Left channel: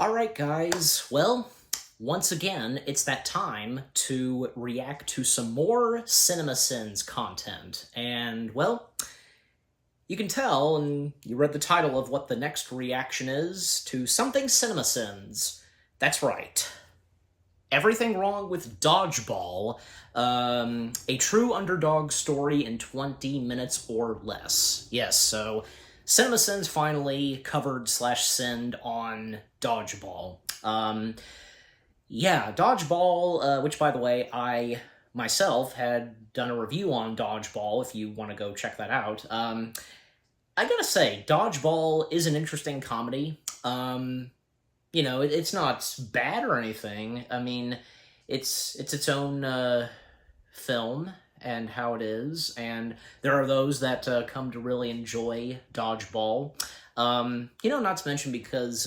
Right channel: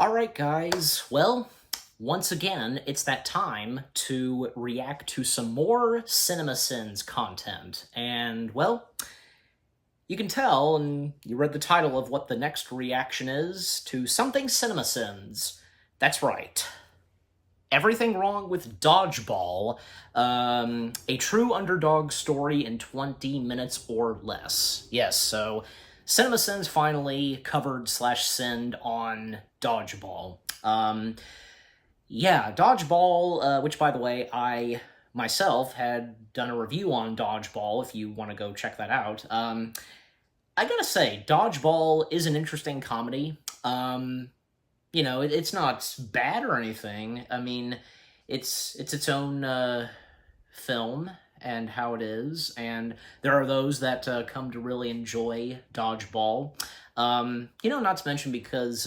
Alright, guys. Well, once again, it's that time to react to some more CinemaSins content. And, well, you can tell, and you read the title of what the next reaction is, to something CinemaSins. That's right. Everything Wrong with Dodgeball, a true underdog story in 20 minutes or less. Yes, so CinemaSins finally covered/sinned on Dodgeball. Yeah, Dodgeball, which, by the way, I myself had done a review on Dodgeball, if you want to go check that out. I gotta say, Dodgeball is an interesting comedy. It's not bad or anything. I mean, it's its own film and how it is, and there are those that come to really enjoy Dodgeball. Not to mention because,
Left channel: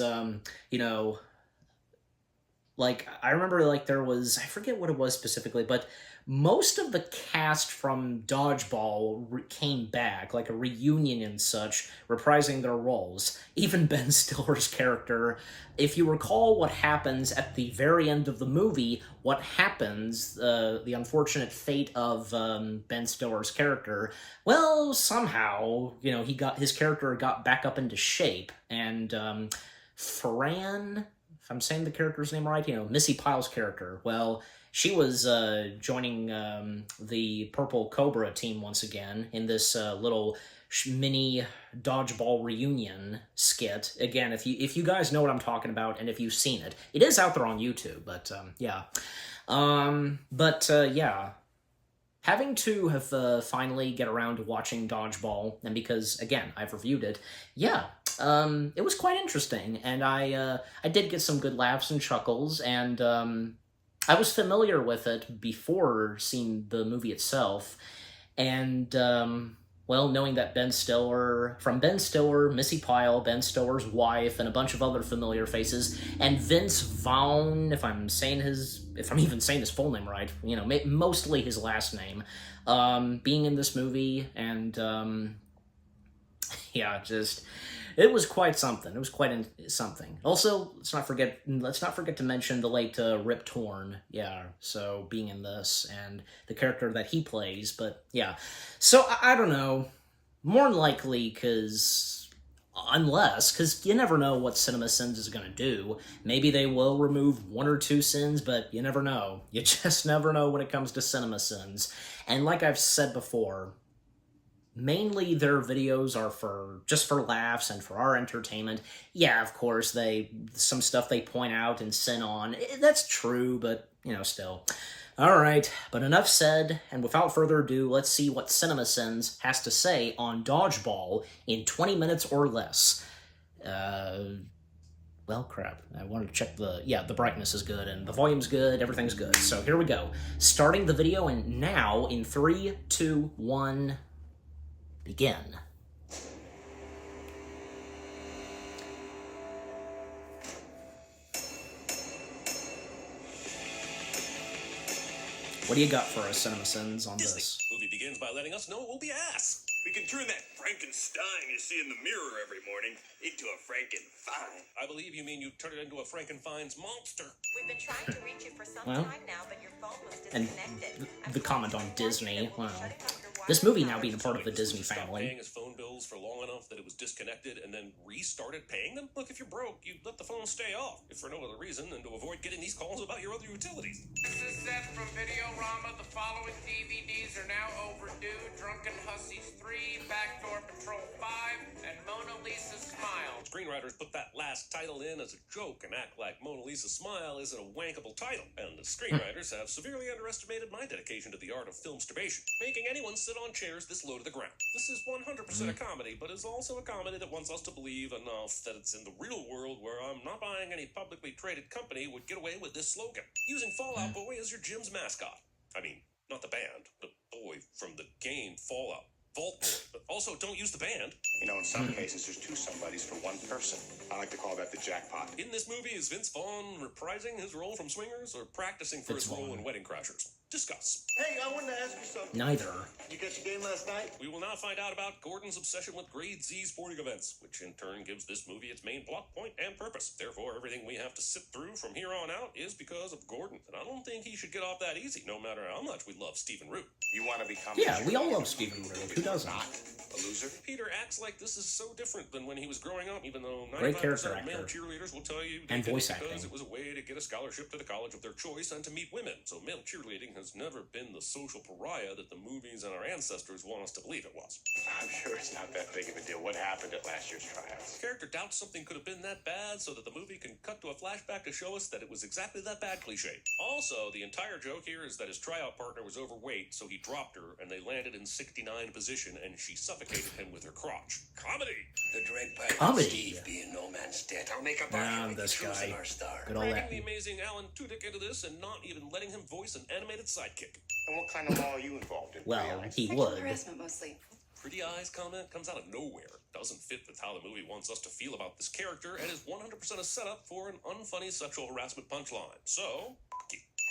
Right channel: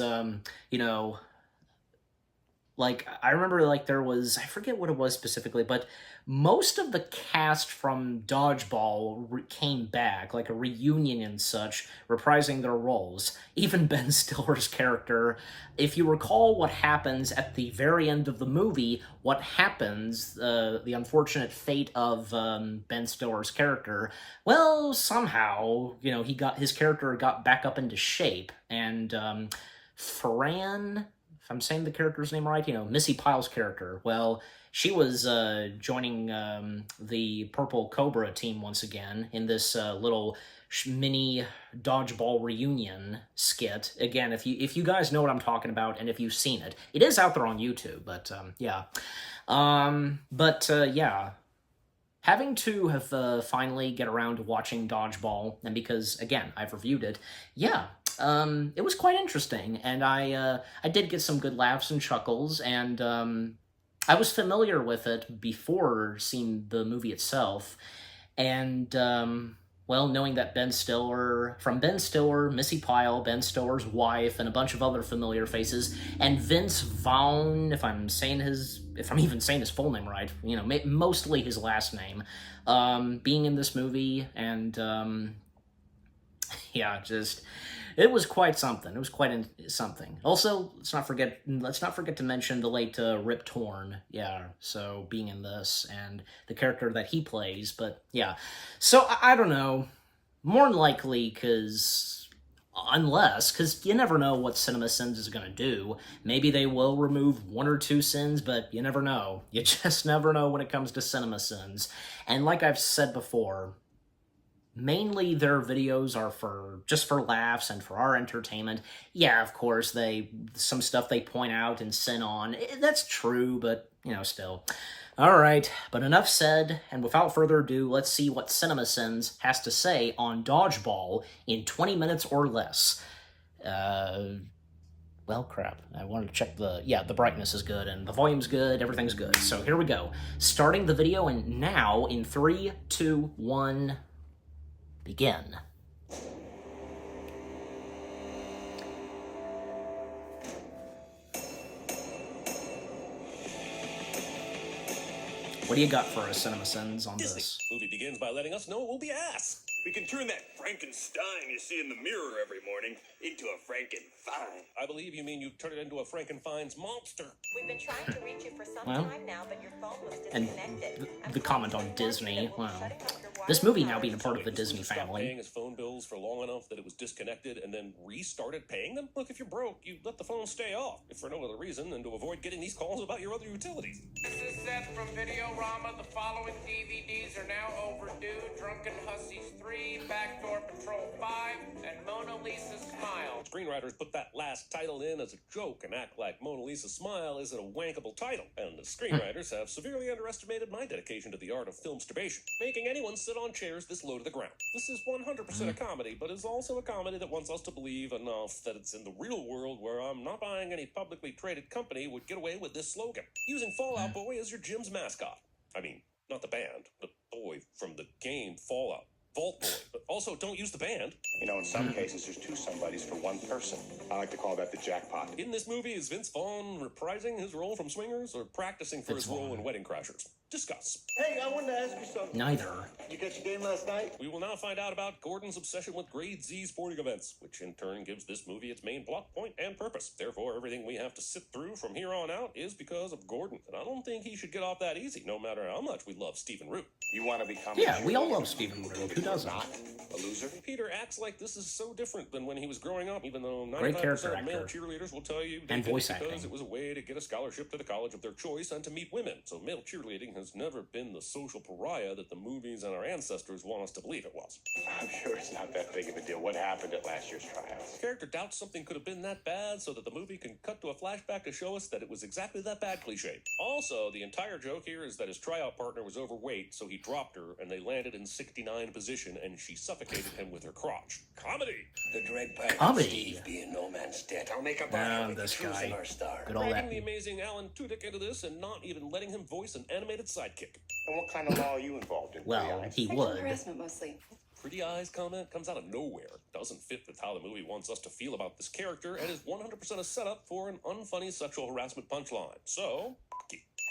like, I remember, like, there was, I forget what it was specifically, but most of the cast from Dodgeball came back, like a reunion and such, reprising their roles. Even Ben Stiller's character. If you recall what happens at the very end of the movie, what happens, the unfortunate fate of Ben Stiller's character, well, somehow, his character got back up into shape, and Fran, if I'm saying the character's name right, Missy Pyle's character, well, she was joining the Purple Cobra team once again in this little mini Dodgeball reunion skit. Again, if you guys know what I'm talking about, and if you've seen it, it is out there on YouTube, but yeah. Yeah. Having to have finally get around to watching Dodgeball, and because, again, I've reviewed it, yeah, it was quite interesting, and I did get some good laughs and chuckles, and I was familiar with it before seeing the movie itself, and well, knowing that Ben Stiller, Missy Pyle, Ben Stiller's wife, and a bunch of other familiar faces, and Vince Vaughn, if I'm even saying his full name right, mostly his last name, being in this movie, and yeah, it was quite something. It was quite something. Also, let's not forget to mention the late Rip Torn. Yeah, so being in this and the character that he plays. But yeah, so I don't know. More than likely, because you never know what CinemaSins is gonna do. Maybe they will remove one or two sins, but you never know. You just never know when it comes to CinemaSins. And like I've said before, mainly their videos are just for laughs and for our entertainment. Yeah, of course, some stuff they point out and sin on. That's true, but, still. Alright, but enough said, and without further ado, let's see what CinemaSins has to say on Dodgeball in 20 minutes or less. Well, crap. I wanted to check the brightness is good, and the volume's good, everything's good. So here we go. Starting the video now in 3, 2, 1... begin. What do you got for us, CinemaSins, on this? Movie begins by letting us know it will be ass. We can turn that Frankenstein you see in the mirror every morning into a Frankenfine. I believe you mean you turn it into a Frankenfine's monster. We've been trying to reach you for some time now, but your phone was disconnected. And the comment on Disney, wow. This movie now being a part of the Disney family. Paying his phone bills for long enough that it was disconnected and then restarted paying them? Look, if you're broke, you let the phone stay off. If for no other reason than to avoid getting these calls about your other utilities. This is Seth from Videorama. The following DVDs are now overdue. Drunken Hussies 3, Backdoor Patrol 5, and Mona Lisa's Smile. Screenwriters put that last title in as a joke and act like Mona Lisa's Smile isn't a wankable title. And the screenwriters have severely underestimated my dedication to the art of filmsturbation, making anyone sit on chairs this low to the ground. This is 100% a comedy, but is also a comedy that wants us to believe enough that it's in the real world where I'm not buying any publicly traded company would get away with this slogan. Using Fallout Boy as your gym's mascot. I mean, not the band, the boy from the game Fallout. Vault Boy, but also don't use the band. In some cases, there's two somebodies for one person. I like to call that the jackpot. In this movie, is Vince Vaughn reprising his role from Swingers or practicing for his role in Wedding Crashers? Discuss. Hey, I wanted to ask you something. Neither. You catch a game last night? We will now find out about Gordon's obsession with Grade Z sporting events, which in turn gives this movie its main plot point and purpose. Therefore, everything we have to sit through from here on out is because of Gordon. And I don't think he should get off that easy, no matter how much we love Stephen Root. You want to become... Yeah, we all love Stephen Root. Who doesn't? A loser? Peter acts like this is so different than when he was growing up, even though Great 95% character of male actor. cheerleaders will tell you And they did voice it because acting. it was a way to get a scholarship to the college of their choice and to meet women. So male cheerleading has never been the social pariah that the movies and our ancestors want us to believe it was. I'm sure it's not that big of a deal. What happened at last year's tryouts? The character doubts something could have been that bad so that the movie can cut to a flashback to show us that it was exactly that bad cliche. Also, the entire joke here is that his tryout partner was overweight, so he dropped her and they landed in 69 position and she suffocated him with her crotch. Comedy! The dread pilot Comedy. Steve being no man's debt. I'll make up And this guy. Good old that. Dragging the amazing Alan Tudyk into this and not even letting him voice an animated sidekick. And what kind of law are you involved in? Well, he Sexual would. harassment mostly. Pretty eyes comment comes out of nowhere. Doesn't fit with how the movie wants us to feel about this character and is 100% a setup for an unfunny sexual harassment punchline. So,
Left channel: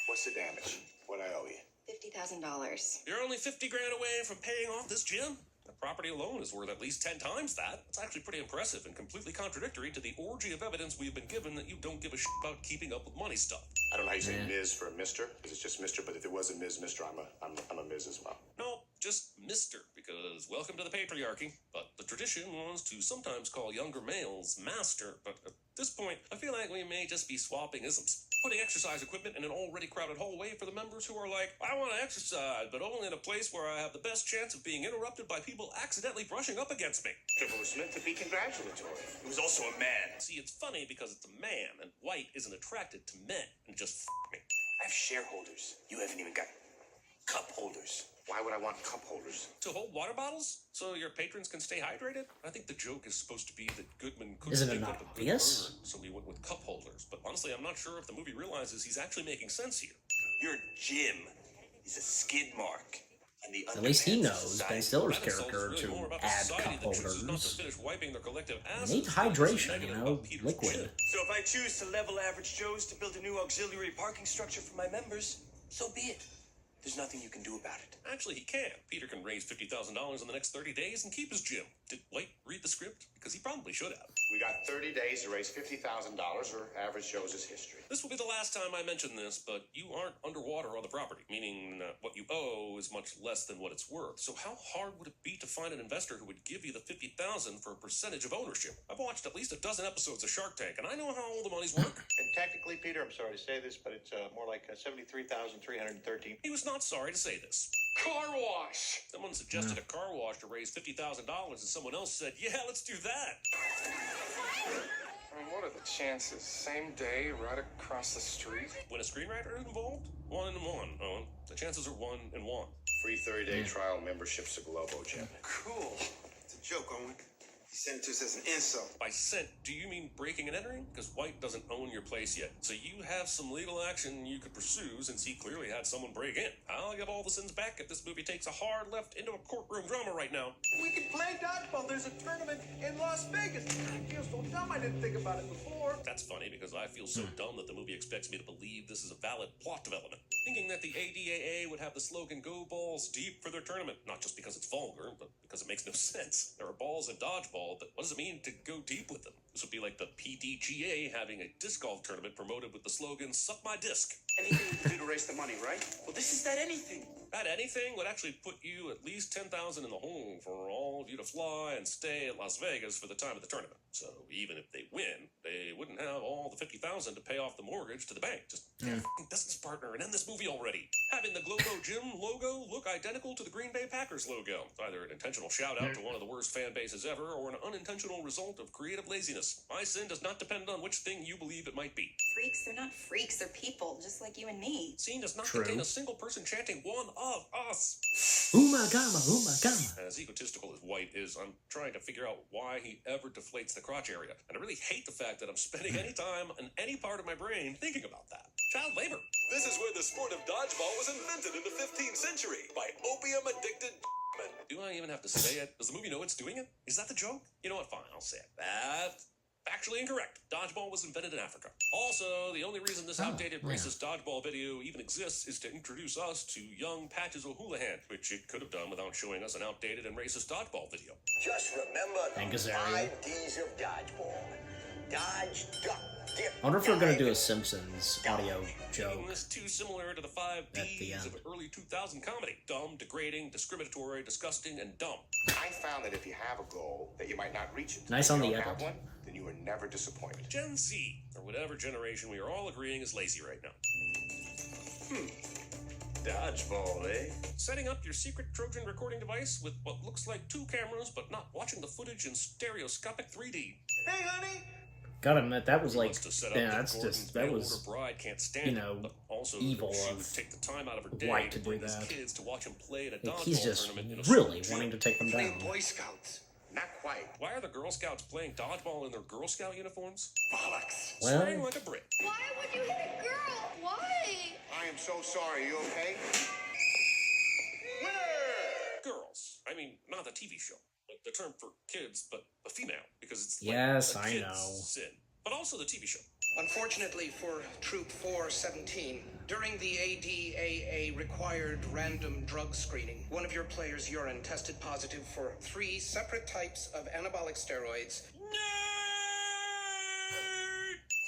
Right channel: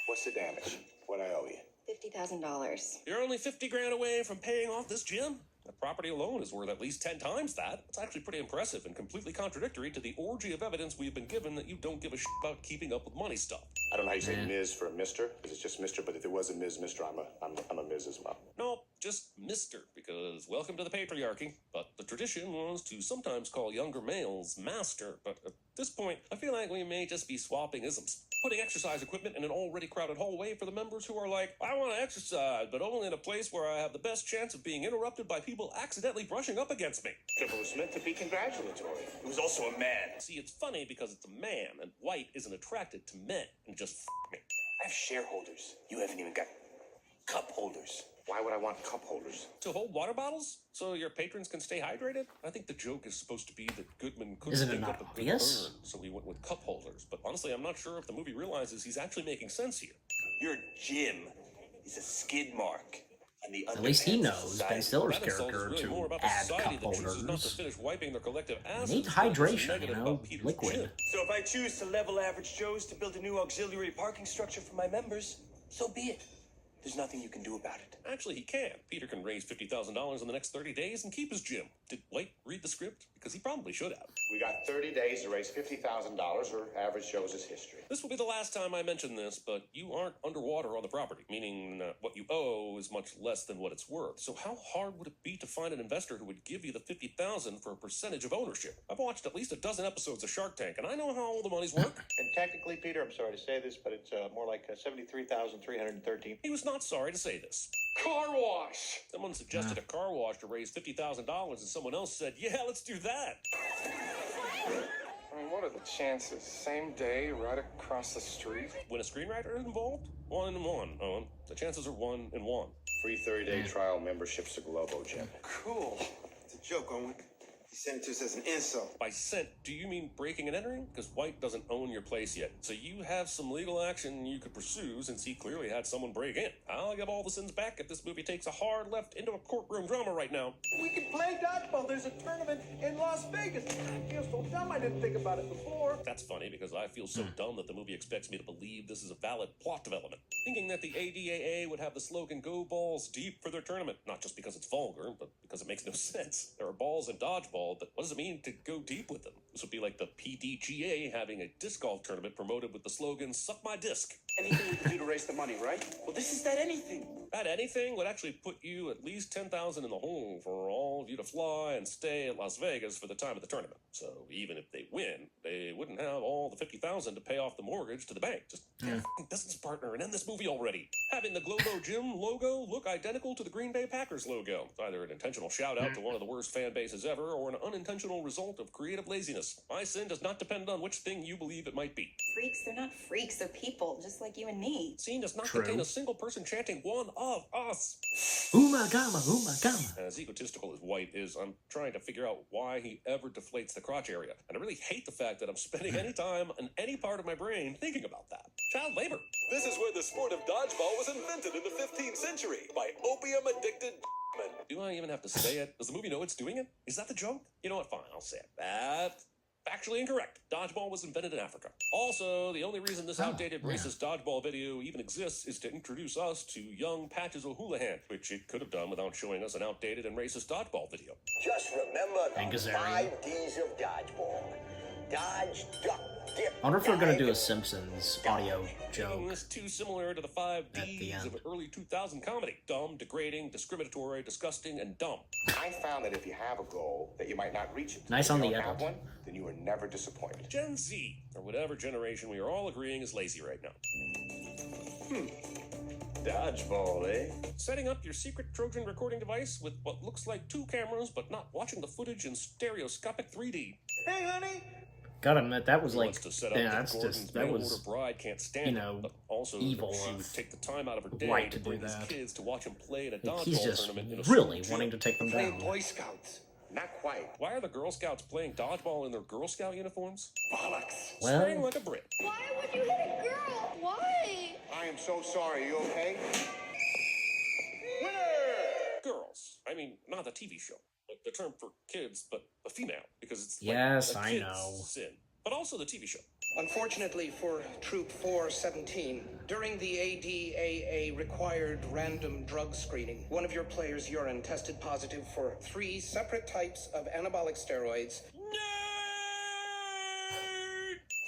What's the damage? What I owe you? $50,000. you're only 50 grand away from paying off this gym? The property alone is worth at least 10 times that. It's actually pretty impressive and completely contradictory to the orgy of evidence we've been given that you don't give a shit about keeping up with money stuff. I don't know how you say Yeah. Ms. for a Mister, because it's just Mister, but if there was a Ms. Mister, I'm a Ms. as well. No, just Mr., because welcome to the patriarchy. But the tradition was to sometimes call younger males master. But at this point, I feel like we may just be swapping isms. Putting exercise equipment in an already crowded hallway for the members who are like, I want to exercise, but only in a place where I have the best chance of being interrupted by people accidentally brushing up against me. It was meant to be congratulatory. He was also a man. See, it's funny because it's a man, and white isn't attracted to men, and just me. I have shareholders. You haven't even got cup holders. Why would I want cup holders? To hold water bottles so your patrons can stay hydrated? I think the joke is supposed to be that Goodman couldn't Isn't it think not of a good obvious? word, so we went with cup holders. But honestly, I'm not sure if the movie realizes he's actually making sense here. Your gym is a skid mark. And the At least he underpants of knows society. Ben Stiller's That insults character way to more about add society cup that chooses not to holders. finish wiping their collective You asses need than hydration, negative you know, about Peter's liquid. gym. So if I choose to level average Joes to build a new auxiliary parking structure for my members, so be it. There's nothing you can do about it. Actually, he can. Peter can raise $50,000 in the next 30 days and keep his gym. Did White read the script? Because he probably should have. We got 30 days to raise $50,000, or average shows us history. This will be the last time I mention this, but you aren't underwater on the property, meaning that what you owe is much less than what it's worth. So how hard would it be to find an investor who would give you the $50,000 for a percentage of ownership? I've watched at least a dozen episodes of Shark Tank, and I know how all the money's worked. And technically, Peter, I'm sorry to say this, but it's more like 73,313. He was not sorry to say this. Car wash! Someone suggested a car wash to raise $50,000, and someone else said, yeah, let's do that. I mean, what are the chances? Same day, right across the street? When a screenwriter is involved, 1 in 1, Owen. The chances are 1 in 1. Free 30-day trial memberships to Globo, Jim. Cool. It's a joke, Owen. He sent it to us as an insult. By scent, do you mean breaking and entering? Because White doesn't own your place yet. So you have some legal action you could pursue since he clearly had someone break in. I'll give all the sins back if this movie takes a hard left into a courtroom drama right now. We can play dodgeball. There's a tournament in Las Vegas. I feel so dumb I didn't think about it before. That's funny because I feel so dumb that the movie expects me to believe this is a valid plot development. Thinking that the ADAA would have the slogan "Go Balls Deep" for their tournament, not just because it's vulgar, but because it makes no sense. There are balls in dodgeball, but what does it mean to go deep with them? This would be like the PDGA having a disc golf tournament promoted with the slogan "Suck my disc." Anything you can do to raise the money, right? Well, this is that anything. That anything would actually put you at least 10,000 in the hole for all of you to fly and stay at Las Vegas for the time of the tournament. So even if they win, they wouldn't have all the 50,000 to pay off the mortgage to the bank. Just get a fucking business partner and end this movie already. Having the Globo Gym logo look identical to the Green Bay Packers logo. Either an intentional shout out to one of the worst fan bases ever, or an unintentional result of creative laziness. My sin does not depend on which thing you believe it might be. Freaks, they're not freaks, they're people, just like you and me. Scene does not True. contain a single person chanting "one of us." Umagama, umagama. As egotistical as White is, I'm trying to figure out why he ever deflates the crotch area. And I really hate the fact that I'm spending any time in any part of my brain thinking about that. Child labor. This is where the sport of dodgeball was invented in the 15th century by opium-addicted men. Do I even have to say it? Does the movie know it's doing it? Is that the joke? You know what? Fine, I'll say it. That Factually incorrect. Dodgeball was invented in Africa. Also, the only reason this outdated yeah. racist dodgeball video even exists is to introduce us to young Patches O'Houlihan, which it could have done without showing us an outdated and racist dodgeball video. Just remember And the Gazaria. 5 Ds of dodgeball. Dodge, duck, dip. I wonder if they're gonna do a Simpsons audio joke Making this too similar to the 5 at the Ds end. of early 2000 comedy. Dumb, degrading, discriminatory, disgusting, and dumb. I found that if you have a goal that you might not reach it, Nice on the if you don't edit. have one, then you are never disappointed. Gen Z, or whatever generation we are all agreeing is lazy right now. Dodgeball, eh? Setting up your secret Trojan recording device with what looks like 2 cameras, but not watching the footage in stereoscopic 3D. Hey, honey. Gotta admit, that was like, Wants to set up yeah, the that's recordings, just, but that her was, bride can't stand you it, know, but also evil she of would take the time out of her day White to do bring his that. kids to watch him play at a like, he's dodgeball just tournament in a really suit. wanting to take them down. Boy Scouts. Not quite. Why are the Girl Scouts playing dodgeball in their Girl Scout uniforms? Bollocks. Well, Slang like a Brit. Why would you hit a girl? Why? I am so sorry. You okay? Girls. I mean, not the TV show. Like the term for kids, but a female, because it's yes, the I kids' know. sin. But also the TV show. Unfortunately for Troop 417, during the ADAA required random drug screening, one of your players' urine tested positive for 3 separate types of anabolic steroids.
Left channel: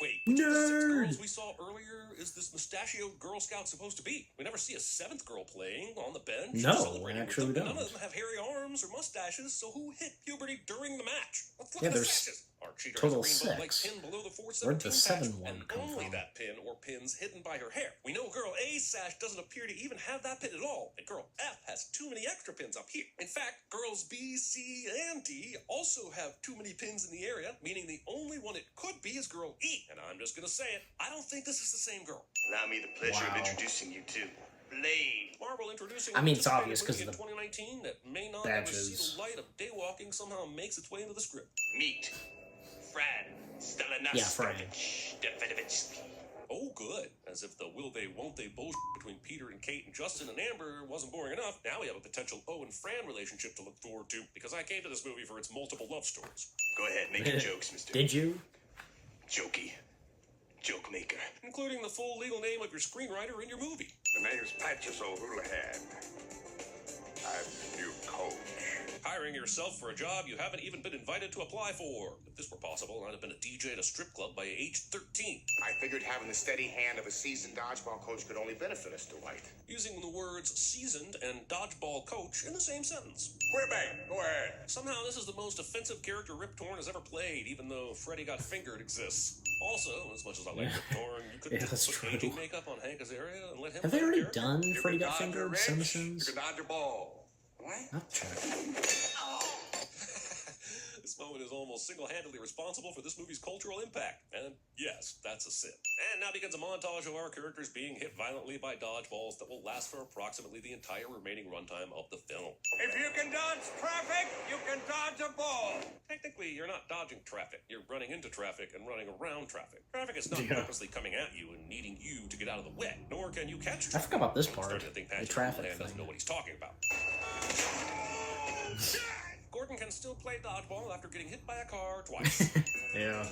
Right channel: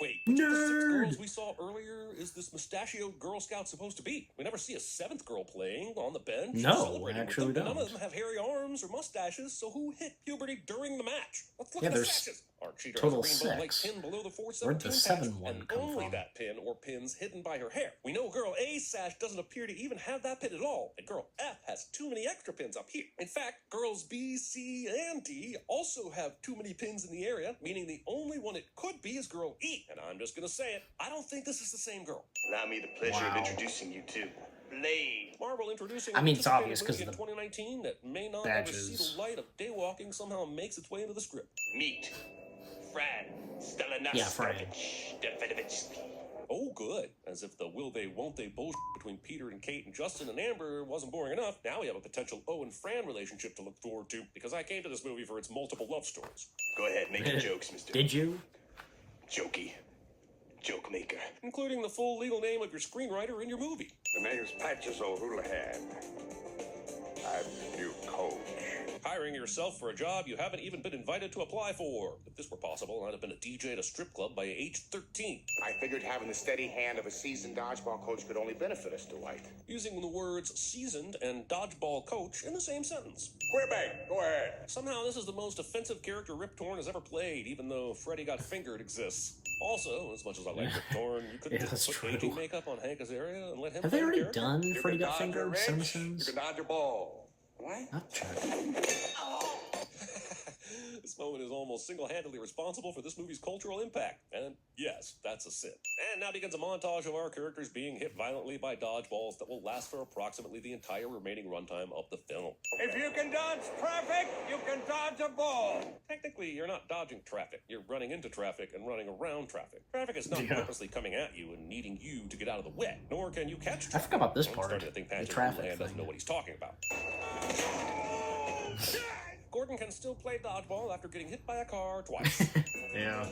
Wait, Nerd! the 6 girls we saw earlier is this mustachioed Girl Scout supposed to be? We never see a 7th girl playing on the bench. No, celebrating. actually we None don't. of them have hairy arms or mustaches, so who hit puberty during the match? Let's look Yeah, at there's mustaches. Our cheater total has a rainbow-like 6. pin below the 417 Where'd the patch, 7 one and come only from? that pin or pins hidden by her hair. We know girl A's sash doesn't appear to even have that pin at all, and girl F has too many extra pins up here. In fact, girls B, C, and D also have too many pins in the area, meaning the only one it could be is girl E. And I'm just gonna say it, I don't think this is the same girl. Allow me the pleasure Wow. of introducing you to Blade. Marvel introducing I mean, it's obvious 'cause of the 2019 that may not badges. ever see the light of daywalking somehow makes its way into the script. Meet Fran Yeah, Fran. Stefanovic. Oh, good. As if the will they, won't they bullshit between Peter and Kate and Justin and Amber wasn't boring enough, now we have a potential O and Fran relationship to look forward to, because I came to this movie for its multiple love stories. Go ahead, make your jokes, Mr. Did you? Jokey. Joke maker. Including the full legal name of your screenwriter in your movie. The name's Patches O'Houlihan. I'm the new coach. Hiring yourself for a job you haven't even been invited to apply for. If this were possible, I'd have been a DJ at a strip club by age 13. I figured having the steady hand of a seasoned dodgeball coach could only benefit us, Dwight. Using the words seasoned and dodgeball coach in the same sentence. Quebec, go ahead. Somehow this is the most offensive character Rip Torn has ever played, even though Freddy Got Fingered exists. Also, as much as I like Rip Torn, you could Yeah, that's put true. aging makeup on Hank Azaria and let him Have they play already the character. done Freddy Got Fingered? CinemaSins? You can dodge a ball. What? Not check. This moment is almost single-handedly responsible for this movie's cultural impact. And yes, that's a sin. And now begins a montage of our characters being hit violently by dodgeballs that will last for approximately the entire remaining runtime of the film. If you can dodge traffic, you can dodge a ball. Technically, you're not dodging traffic. You're running into traffic and running around traffic. Traffic is not Yeah. purposely coming at you and needing you to get out of the way. Nor can you catch I traffic. forgot about this I'm part. starting to think The Patrick traffic Houlihan doesn't know thing. what he's talking about. Gordon can still play dodgeball after getting hit by a car twice. Yeah.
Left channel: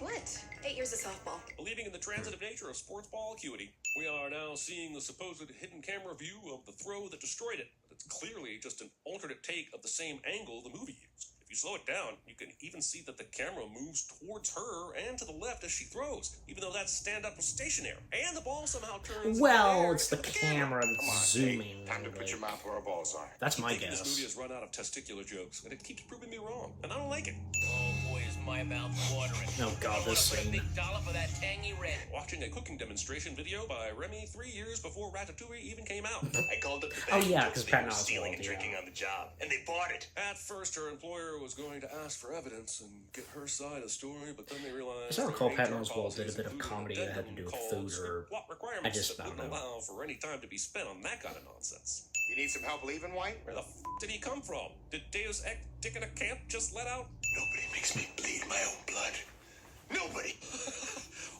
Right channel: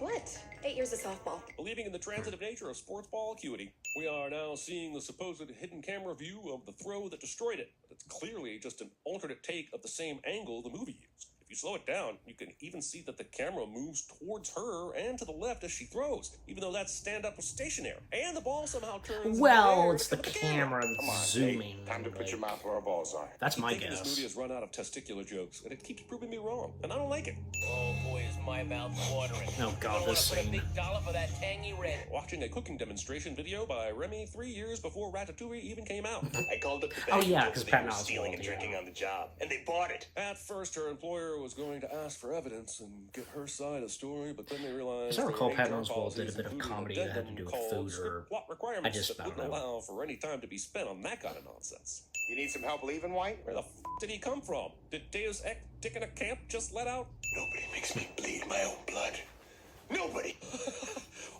What? 8 years of softball. Believing in the transitive nature of sports ball acuity, we are now seeing the supposed hidden camera view of the throw that destroyed it. It's clearly just an alternate take of the same angle the movie used. If you slow it down, you can even see that the camera moves towards her and to the left as she throws, even though that stand-up was stationary. And the ball somehow turns... Well, it's the camera that's zooming. Time to put your Like, mouth where our balls are. that's my This movie guess. has run out of testicular jokes, and it keeps proving me wrong, and I don't like it. Oh boy, is my mouth watering. Oh god, this scene. Big dollar for that tangy red. Watching a cooking demonstration video by Remy 3 years before Ratatouille even came out. I called up the Oh, band yeah, because 'cause they Patton were Oswalt, stealing and yeah. drinking on the job, and they bought it. At first, her employer was going to ask for evidence and get her side of the story, but then they realized... As I recall, there were Patton HR Oswalt did a policies bit of including comedy that had to do with food or... what requirements I just- I don't wouldn't know. allow for any time to be spent on that kind of nonsense. You need some help leaving, White? Where the did he come from? Did Deus Ex Dick in a camp just let out? Nobody makes me bleed my own blood. Nobody.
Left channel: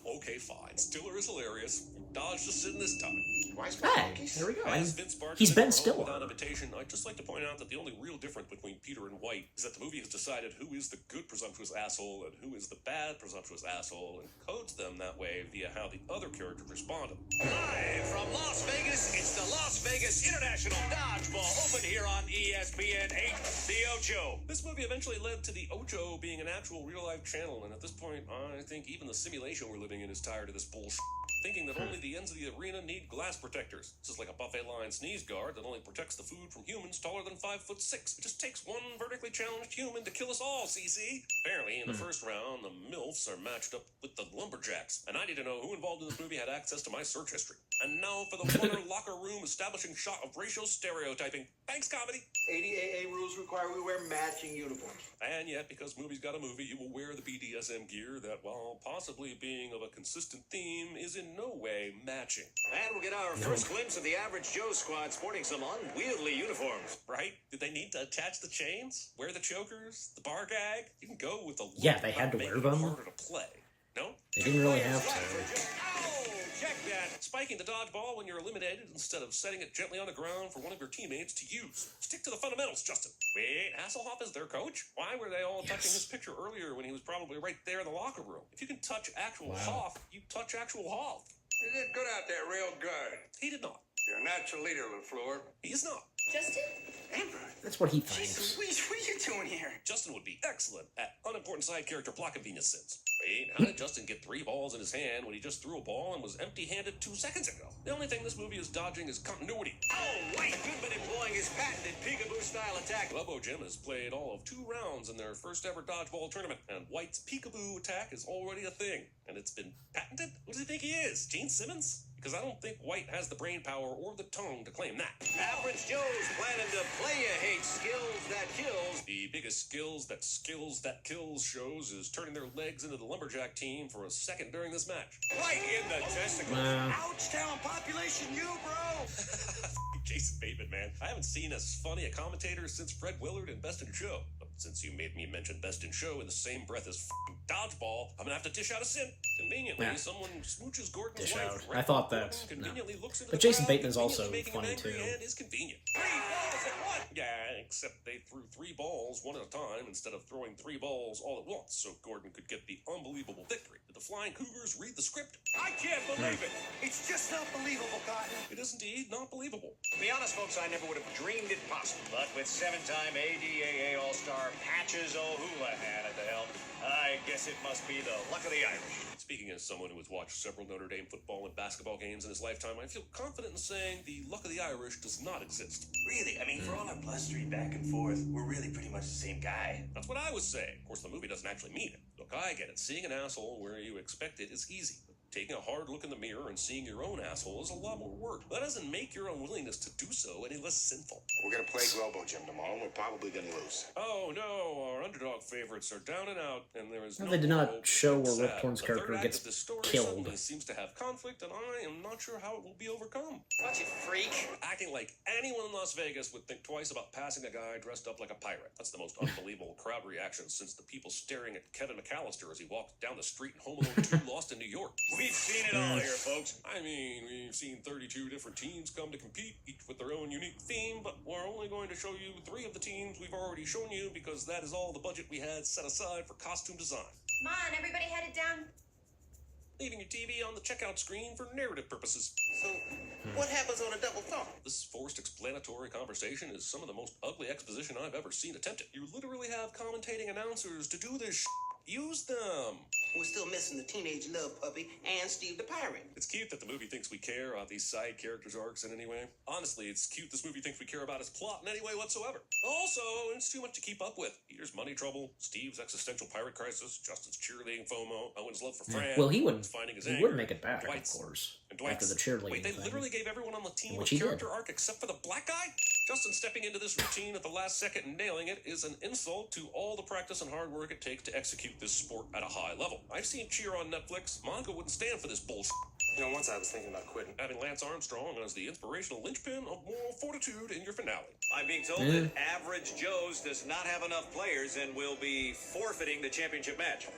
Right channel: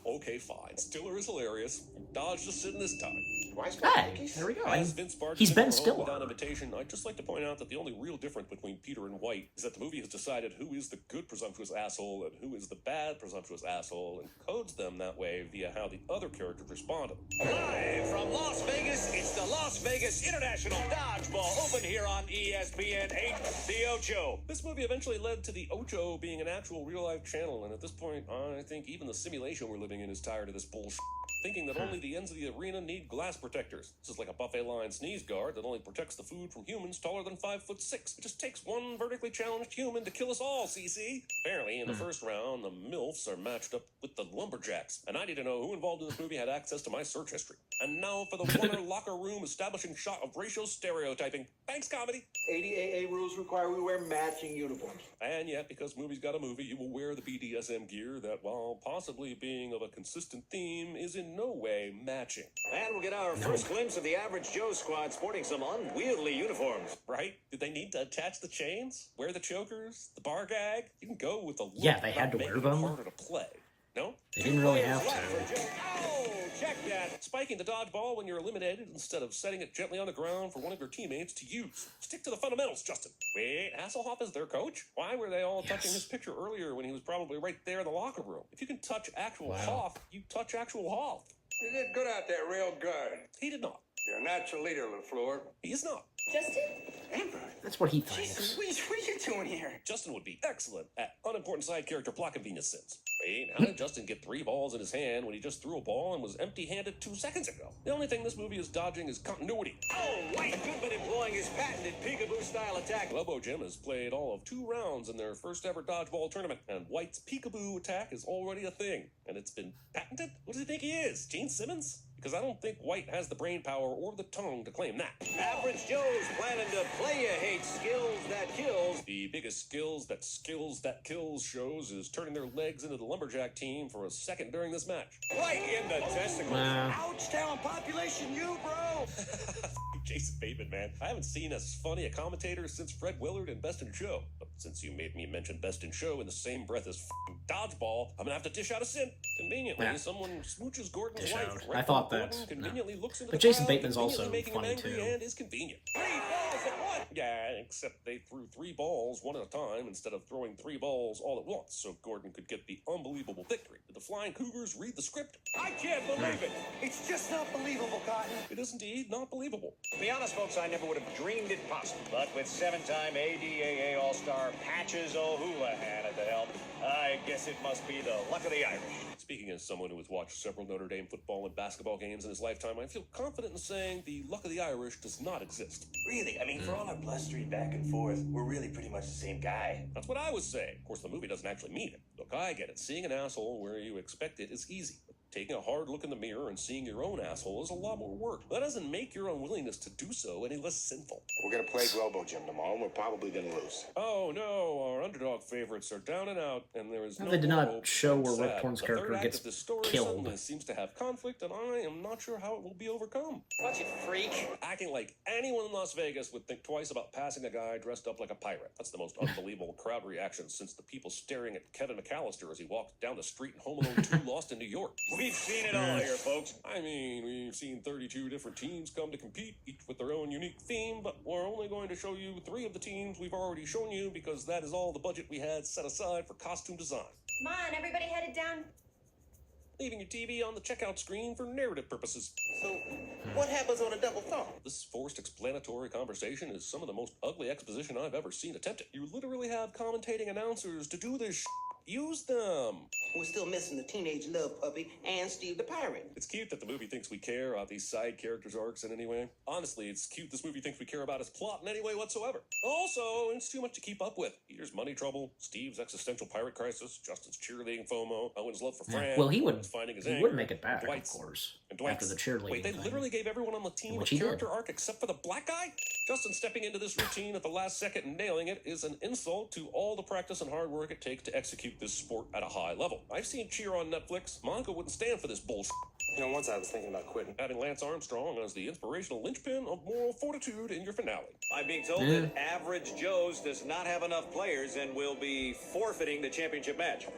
Okay, fine. Stiller is hilarious. Dodged a sin this time. Hey, there we go. As Vince Barker He's said Ben in Stiller. without invitation, I'd just like to point out that the only real difference between Peter and White is that the movie has decided who is the good presumptuous asshole and who is the bad presumptuous asshole, and codes them that way via how the other characters responded. Live from Las Vegas, it's the Las Vegas International Dodgeball, open here on ESPN 8, The Ocho. This movie eventually led to the Ocho being an actual real-life channel, and at this point, I think even the simulation we're living in is tired of this bullshit. Thinking that only the ends of the arena need glass protectors. This is like a buffet line sneeze guard that only protects the food from humans taller than 5'6". It just takes one vertically challenged human to kill us all, CC. Apparently, in the first round, the MILFs are matched up with the Lumberjacks, and I need to know who involved in this movie had access to my search history. And now for the winner locker room establishing shot of racial stereotyping. Thanks, comedy. ADAA rules require we wear matching uniforms. And yet, because Movie's Got a Movie, you will wear the BDSM gear that, while possibly being of a consistent theme, is in no way matching. And we'll get our first glimpse of the Average Joe squad sporting some unwieldy uniforms. Right? Did they need to attach the chains? Wear the chokers? The bar gag? You can go with the... Yeah, they had to wear them. Harder to play. No? They didn't really have to. Check that. Spiking the dodgeball when you're eliminated instead of setting it gently on the ground for one of your teammates to use. Stick to the fundamentals, Justin. Wait, Hasselhoff is their coach? Why were they all touching his picture earlier when he was probably right there in the locker room? If you can touch actual Hoff, you touch actual Hoff. You did good out there, real good. He did not. You're a natural leader, LaFleur. He is not. Justin? That's what he thinks. What are you doing here? Justin would be excellent at unimportant side character plot convenience sins. Wait, how did Justin get 3 balls in his hand when he just threw a ball and was empty-handed 2 seconds ago? The only thing this movie is dodging is continuity. Oh, White has been employing his patented peekaboo-style attack. Lobo Jim has played all of 2 rounds in their first ever dodgeball tournament, and White's peekaboo attack is already a thing. And it's been patented? What does he think he is, Gene Simmons? Because I don't think White has the brain power or the tongue to claim that. Average Joe's planning to play you hate skills that kills. The biggest skills that kills shows is turning their legs into the Lumberjack team for a second during this match. Right in the testicles. Ouchtown population, you, bro! Jason Bateman, man. I haven't seen as funny a commentator since Fred Willard and Best in Show. But since you made me mention Best in Show in the same breath as Dodgeball, I'm gonna have to dish out a sin. Conveniently, someone smooches Gordon's Dish life out. right I thought before that. Gordon No. conveniently looks into But the Jason crowd, Bateman's also conveniently making funny, him angry too. and is convenient. 3 balls at once. Yeah, except they threw 3 balls one at a time instead of throwing 3 balls all at once, so Gordon could get the unbelievable victory. Did the Flying Cougars read the script? I can't believe it. It's just not believable, Cotton. It is indeed not believable. To be honest, folks, I never would have dreamed it possible. But with 7-time ADAA All-Star Patches O'Houlihan at the helm, I guess it must be the luck of the Irish. Speaking as someone who has watched several Notre Dame football and basketball games in his lifetime, I feel confident in saying the luck of the Irish does not exist. Really? I mean, for all our blustering back and forth, we're really pretty much the same guy. That's what I was saying. Of course, the movie doesn't actually mean it. Look, I get it. Seeing an asshole where you expect it is easy. Taking a hard look in the mirror and seeing your own asshole is a lot more work. That doesn't make your unwillingness to do so any less sinful. We're going to play Lobo Jim tomorrow, and we're probably going to lose. Oh no, our underdog favorites are down and out, and there is No, they did not hope. show where Sad. Rip Torn's The character third gets act of this story killed. suddenly seems to have conflict, and I am not sure how it will be overcome. Watch it, freak. Acting like anyone in Las Vegas would think twice about passing a guy dressed up like a pirate. That's the most unbelievable crowd reaction since the people staring at Kevin McAllister as he walked down the street in Home Alone 2 Lost in New York. We've seen it all here, folks. I mean, we've seen 32 different teams come to compete, each with their own unique theme, but we're only going to show you 3 of the teams we've already shown you because that is all the budget we had set aside for costume design. Come on, everybody headed down. Leaving your TV on the checkout screen for narrative purposes. So, what happens on a double thumb? This forced explanatory conversation is some of the most ugly exposition I've ever seen attempted. You literally have commentating announcers to do this. Use them. We're still missing the teenage love puppy and Steve the pirate. It's cute that the movie thinks we care about these side characters' arcs in any way. Honestly, it's cute this movie thinks we care about his plot in any way whatsoever. Also, it's too much to keep up with. Peter's money trouble, Steve's existential pirate crisis, Justin's cheerleading FOMO, Owen's love for Fran. Well, he would finding his make it back, of Dwight's- course, and Dwight's- after the cheerleading Wait, they thing. literally gave everyone on the team Which a he did. character arc except for the black guy? Justin stepping into this routine at the last second and nailing it is an insult to all the practice and hard work it takes to execute this sport at a high level. I've seen Cheer on Netflix. Monica wouldn't stand for this bullshit. You know, once I was thinking about quitting. Having Lance Armstrong as the inspirational linchpin of moral fortitude in your finale. I'm being told that Average Joe's does not have enough players and will be forfeiting the championship match.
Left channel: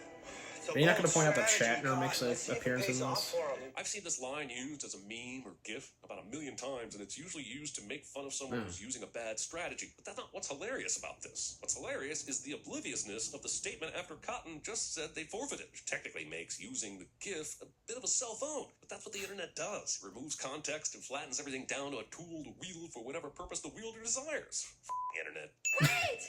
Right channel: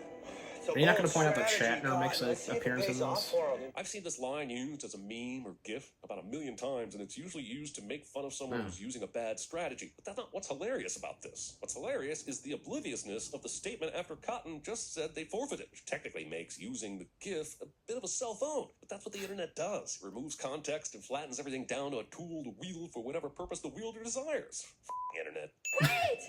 Are you not going to point out that Shatner makes an appearance in this? I've seen this line used as a meme or GIF about 1,000,000 times, and it's usually used to make fun of someone who's using a bad strategy. But that's not what's hilarious about this. What's hilarious is the obliviousness of the statement after Cotton just said they forfeited, which technically makes using the GIF a bit of a cell phone. But that's what the internet does. It removes context and flattens everything down to a tool to wield for whatever purpose the wielder desires. Internet. Wait!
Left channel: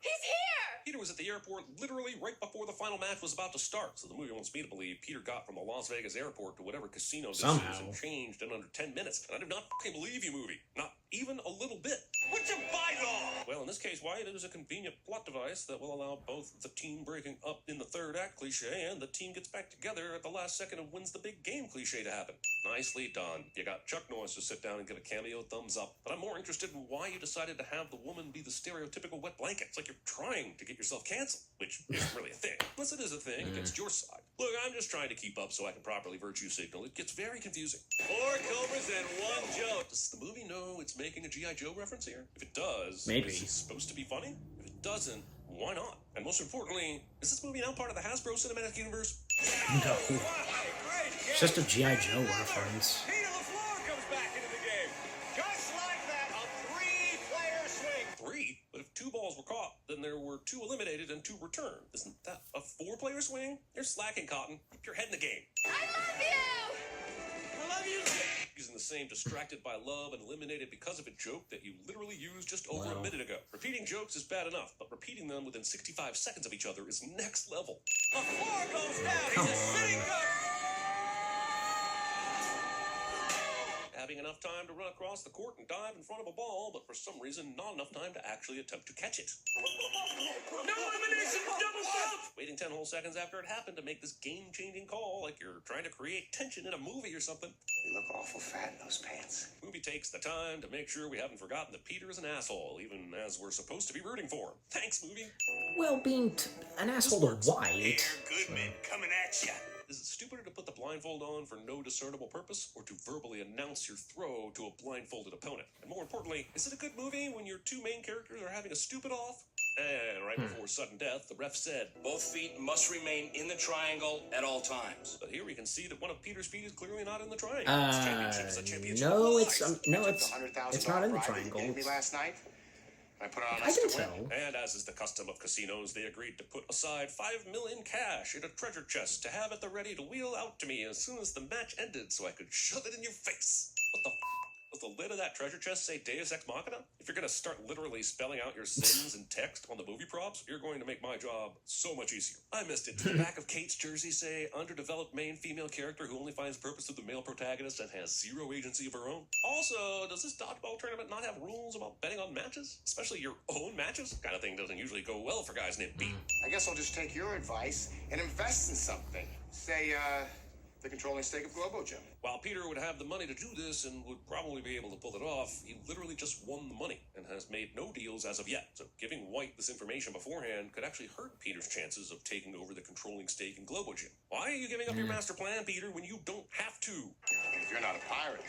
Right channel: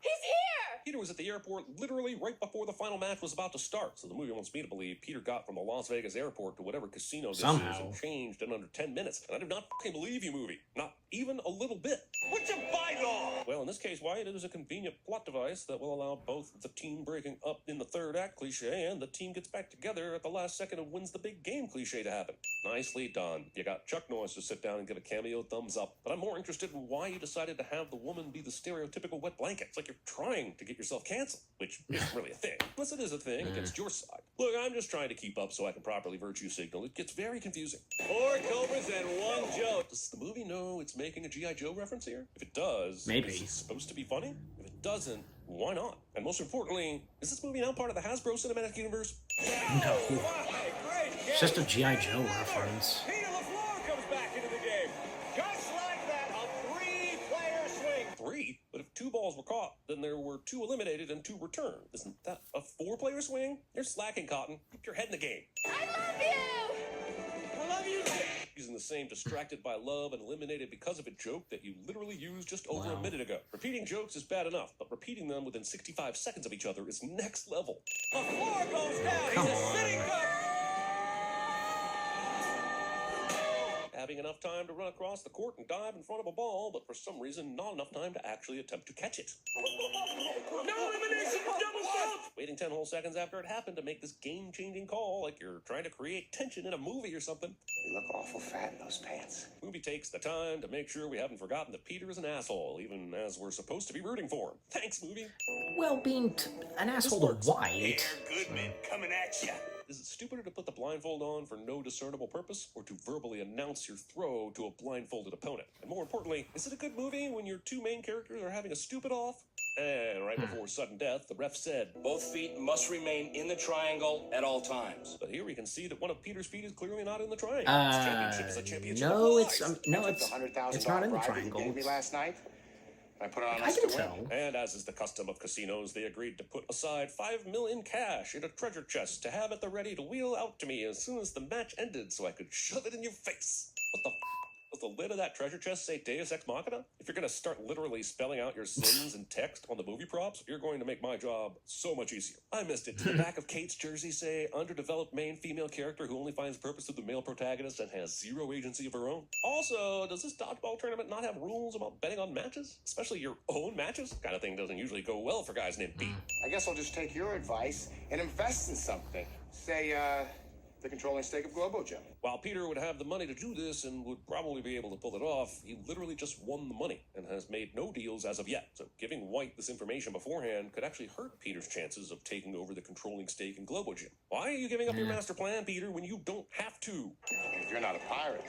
He's here! Peter was at the airport literally right before the final match was about to start, so the movie wants me to believe Peter got from the Las Vegas airport to whatever casino this is and changed in under 10 minutes. And I do not fucking believe you, movie. Not even a little bit. What's a bite-all? Well, in this case, Wyatt, it is a convenient plot device that will allow both the team breaking up in the third act cliche and the team gets back together at the last second and wins the big game cliche to happen. Nicely done. You got Chuck Norris to sit down and get a cameo thumbs up, but I'm more interested in why you decided to have the woman be the stereotypical wet blanket. It's like you're trying to get yourself canceled, which isn't really a thing. Unless it is a thing against your side. Look, I'm just trying to keep up so I can properly virtue signal. It gets very confusing. 4 cobras and 1 joke. Does the movie know it's making a G.I. Joe reference here? If it does, maybe. Is it supposed to be funny? If it doesn't, why not? And most importantly, is this movie now part of the Hasbro Cinematic Universe? No. It's just a G.I. Joe reference. Peter LaFleur comes back into the game. Just like that, a 3-player swing. 3? But if 2 balls were caught, then there were 2 eliminated and 2 returned. Isn't that a 4-player swing? You're slacking, Cotton. Keep your head in the game. I love you! I love you. Using the same distracted by love and eliminated because of a joke that you literally used just over a minute ago. Repeating jokes is bad enough, but repeating them within 65 seconds of each other is next level. Oh, come on. Having enough time to run across the court and dive in front of a ball, but for some reason not enough time to actually attempt to catch it. No elimination, double jump. Waiting 10 whole seconds after it happened to make this game-changing call like you're trying to create tension in a movie or something. You look awful fat in those pants. Movie takes the time to make sure we haven't forgotten that Peter is an asshole, even as we're supposed to be rooting for him. Thanks, movie. Well, being an asshole to White. Goodman coming at ya. Is it stupider to put the blindfold on for no discernible purpose, or to verbally announce your throw to a blindfolded opponent? And more importantly, is it a good movie when your 2 main characters are having a stupid off? And right before sudden death, the ref said, Both feet must remain in the triangle at all times. but here we can see that one of Peter's feet is clearly not in the triangle. No, it's not in the triangle. It's, Last night, I can tell. And as is the custom of casinos, they agreed to put aside 5 million cash in a treasure chest to have at the ready to wheel out to me as soon as the match ended so I could shove it in your face. What the f***? Does the lid of that treasure chest say Deus Ex Machina? If you're going to start literally spelling out your sins in text on the movie props, you're going to make my job so much easier. I missed it. Did the back of Kate's jersey say, underdeveloped main female character who only finds purpose through the male protagonist and has 0 agency of her own? Also, does this dodgeball tournament not have rules about betting on matches? Especially your own matches? Kind of thing doesn't usually go well for guys named Pete. I guess I'll just take your advice and invest in something. Say, the controlling stake of Globogen. While Peter would have the money to do this and would probably be able to pull it off, he literally just won the money and has made no deals as of yet. So giving White this information beforehand could actually hurt Peter's chances of taking over the controlling stake in Globogen. Why are you giving up your master plan, Peter, when you don't have to? If you're not a pirate,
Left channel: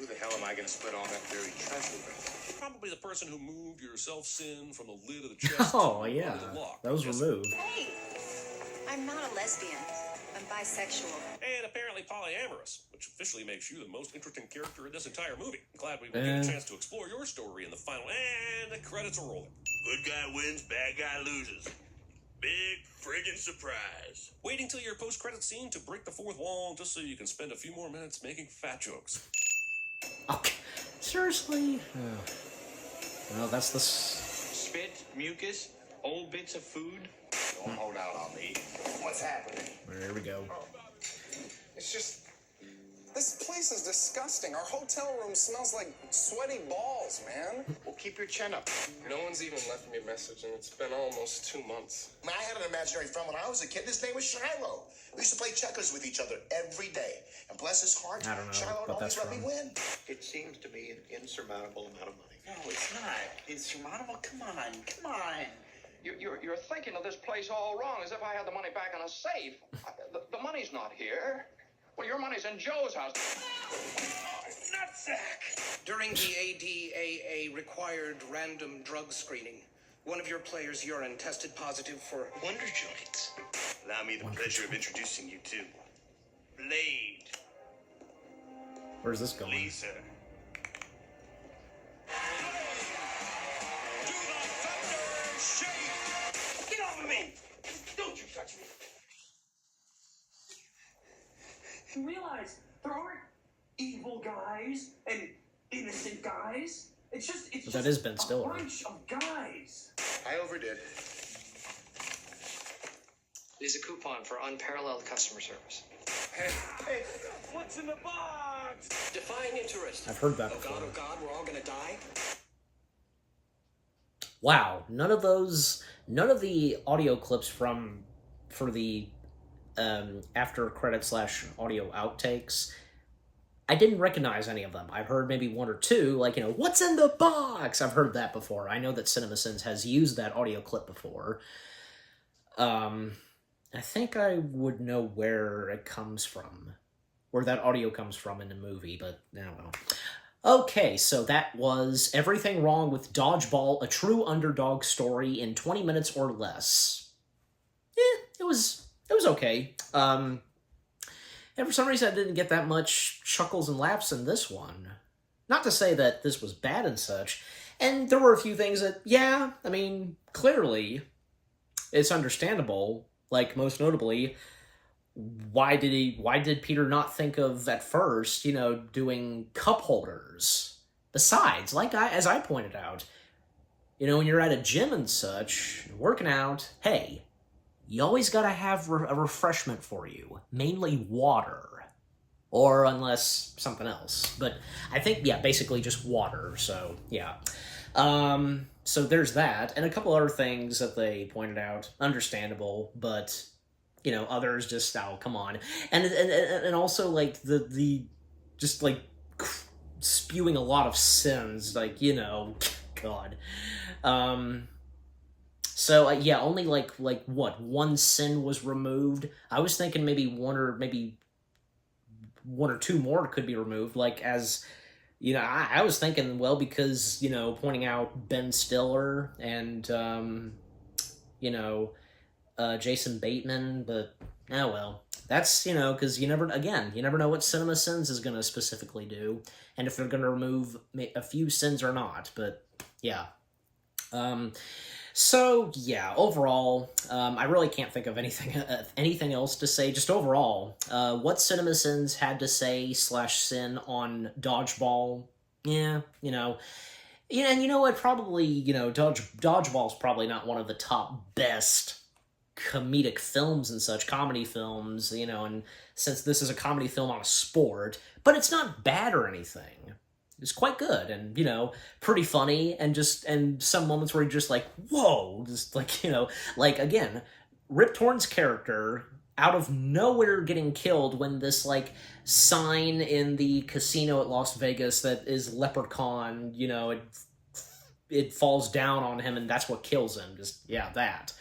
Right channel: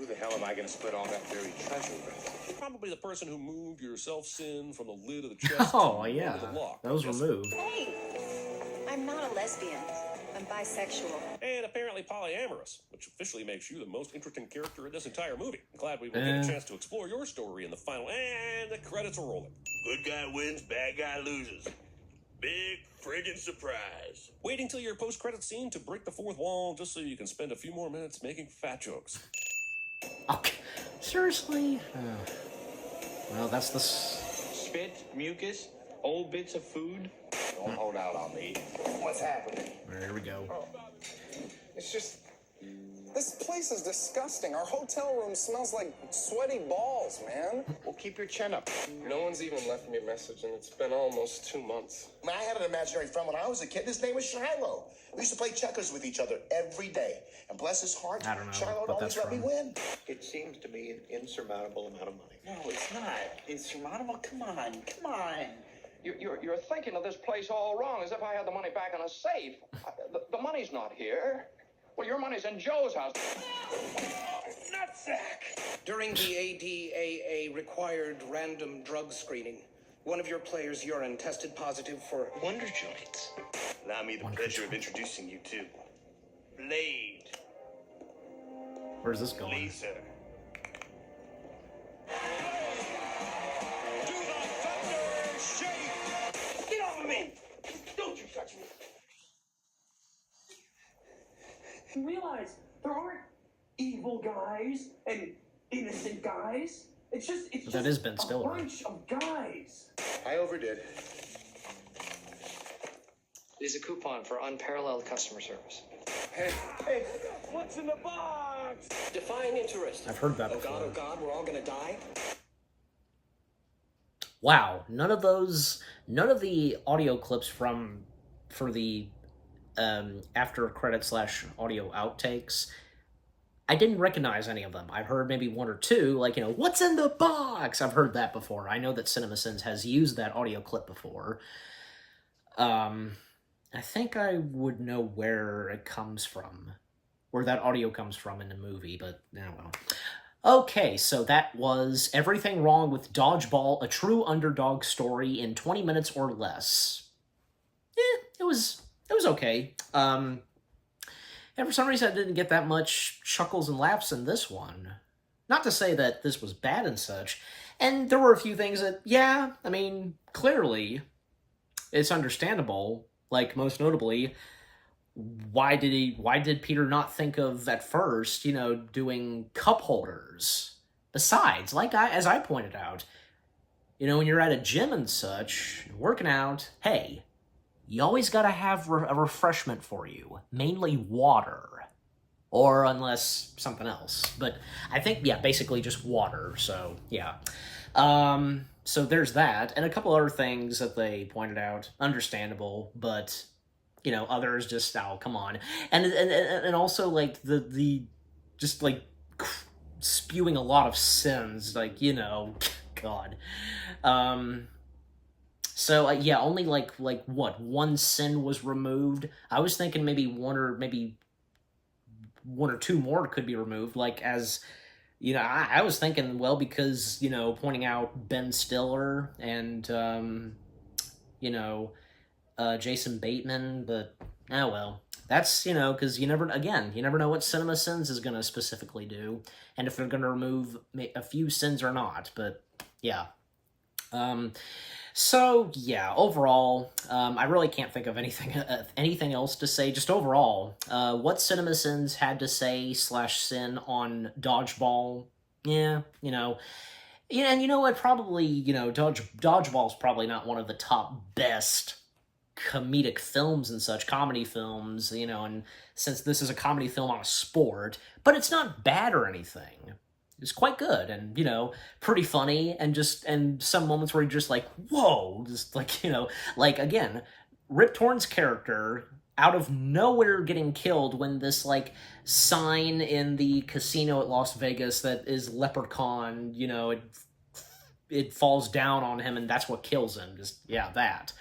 who the hell am I going to split all that dirty treasure with? Probably the person who moved your self-sin from the lid of the chest. Oh, to yeah. the lock. That was removed. Hey, I'm not a lesbian. I'm bisexual. And apparently polyamorous, which officially makes you the most interesting character in this entire movie. I'm glad we will get a chance to explore your story in the final, and the credits are rolling. Good guy wins, bad guy loses. Big friggin' surprise. Waiting till your post-credit scene to break the 4th wall just so you can spend a few more minutes making fat jokes. Okay. Seriously? Well, that's the... Spit, mucus, old bits of food. Don't hold out on me. What's happening? There we go. It's just... This place is disgusting. Our hotel room smells like sweaty balls, man. Well, keep your chin up. No one's even left me a message, and it's been almost 2 months. I had an imaginary friend when I was a kid. His name was Shiloh. We used to play checkers with each other every day. And bless his heart, I don't know Shiloh what that's always let me from. win. It seems to be an insurmountable amount of money. No, it's not. Insurmountable? Come on. You're thinking of this place all wrong, as if I had the money back in a safe. The money's not here. Well, your money's in Joe's house. Nutsack! During the ADAA required random drug screening, one of your players' urine tested positive for Wonder joints. me the pleasure of introducing you to Blade. Where's this going? Laser. Get over me! Don't you touch me! You realize there aren't evil guys and innocent guys. It's But that is Ben Stiller. A bunch of guys. I overdid. It is a coupon for unparalleled customer service. Hey, what's in the box? Defying interest. I've heard that Oh before. God, oh God, we're all gonna die. Wow, none of the audio clips for the after credit / audio outtakes, I didn't recognize any of them. I've heard maybe one or two, like, what's in the box? I've heard that before. I know that CinemaSins has used that audio clip before. I think I would know where it comes from, where that audio comes from in the movie, but now well. Okay, so that was Everything Wrong with Dodgeball, a true underdog story in 20 minutes or less. It was okay. And for some reason I didn't get that much chuckles and laughs in this one. Not to say that this was bad and such, and there were a few things that, yeah, I mean, clearly, it's understandable, like, most notably, why did Peter not think of, at first, doing cup holders? Besides, as I pointed out, when you're at a gym and such, working out, hey, you always gotta have a refreshment for you, mainly water. Or unless something else. But I think, yeah, basically just water, so, yeah. So there's that, and a couple other things that they pointed out, understandable, but, others just, oh, come on. And also, like, the just, like, spewing a lot of sins, like, God. So, yeah, only, like, what, one sin was removed? I was thinking maybe one or two more could be removed, like, as... I was thinking, well, because, pointing out Ben Stiller and, Jason Bateman, but, oh well. That's, because you never know what CinemaSins is going to specifically do, and if they're going to remove a few sins or not, but, yeah. So, yeah, overall, I really can't think of anything else to say. Just overall, what CinemaSins had to say / sin on Dodgeball, yeah, yeah, and you know what, probably, Dodgeball's probably not one of the top best comedic films and such, comedy films, and since this is a comedy film on a sport, but it's not bad or anything. It's quite good, and, pretty funny, and some moments where you're just like, whoa, just like, like, again, Rip Torn's character, out of nowhere getting killed when this, like, sign in the casino at Las Vegas that is Leprechaun, it falls down on him, and that's what kills him, just, yeah, that.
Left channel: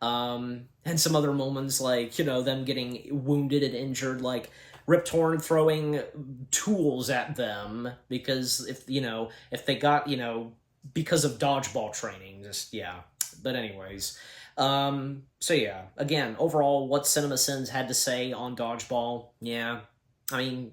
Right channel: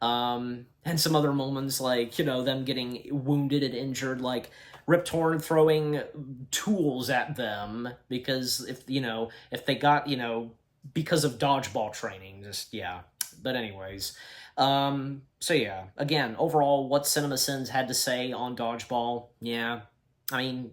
And some other moments, like, them getting wounded and injured, like, Rip Torn throwing tools at them because if they got, because of dodgeball training, just, yeah. But anyways, so yeah, again, overall, what CinemaSins had to say on Dodgeball, yeah, I mean,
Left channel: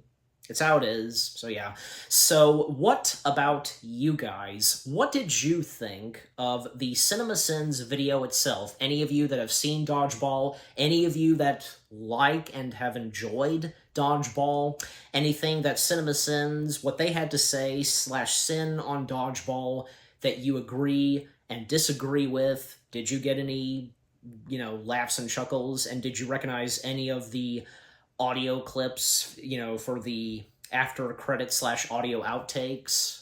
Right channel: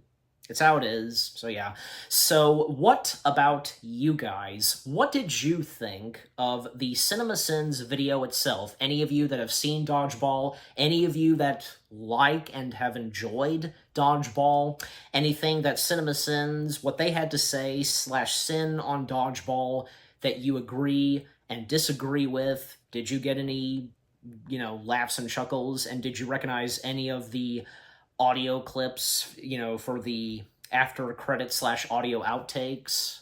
it's how it is, so yeah. So what about you guys? What did you think of the CinemaSins video itself? Any of you that have seen Dodgeball? Any of you that like and have enjoyed Dodgeball? Anything that CinemaSins, what they had to say / sin on Dodgeball that you agree and disagree with? Did you get any, laughs and chuckles? And did you recognize any of the audio clips, for the after credit / audio outtakes?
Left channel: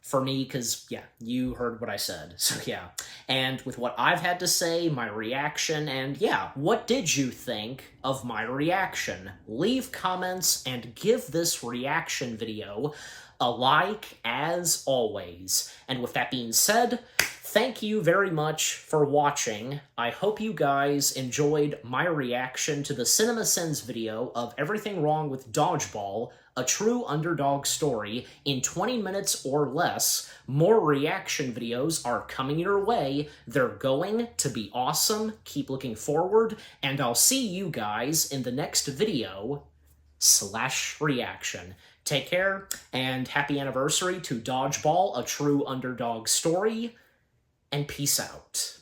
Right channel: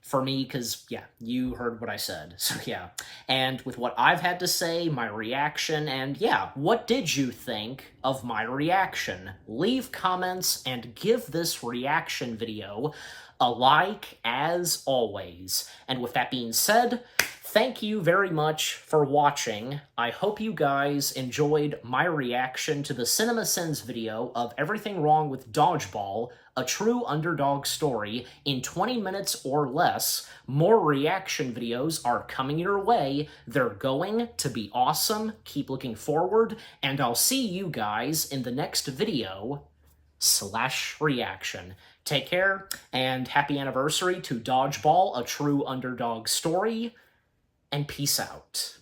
For me, because, yeah, you heard what I said, so yeah. And with what I've had to say, my reaction, and yeah, what did you think of my reaction? Leave comments and give this reaction video a like, as always. And with that being said, thank you very much for watching. I hope you guys enjoyed my reaction to the CinemaSins video of Everything Wrong with Dodgeball, a true underdog story in 20 minutes or less. More reaction videos are coming your way. They're going to be awesome. Keep looking forward, and I'll see you guys in the next video / reaction. Take care, and happy anniversary to Dodgeball, a true underdog story, and peace out.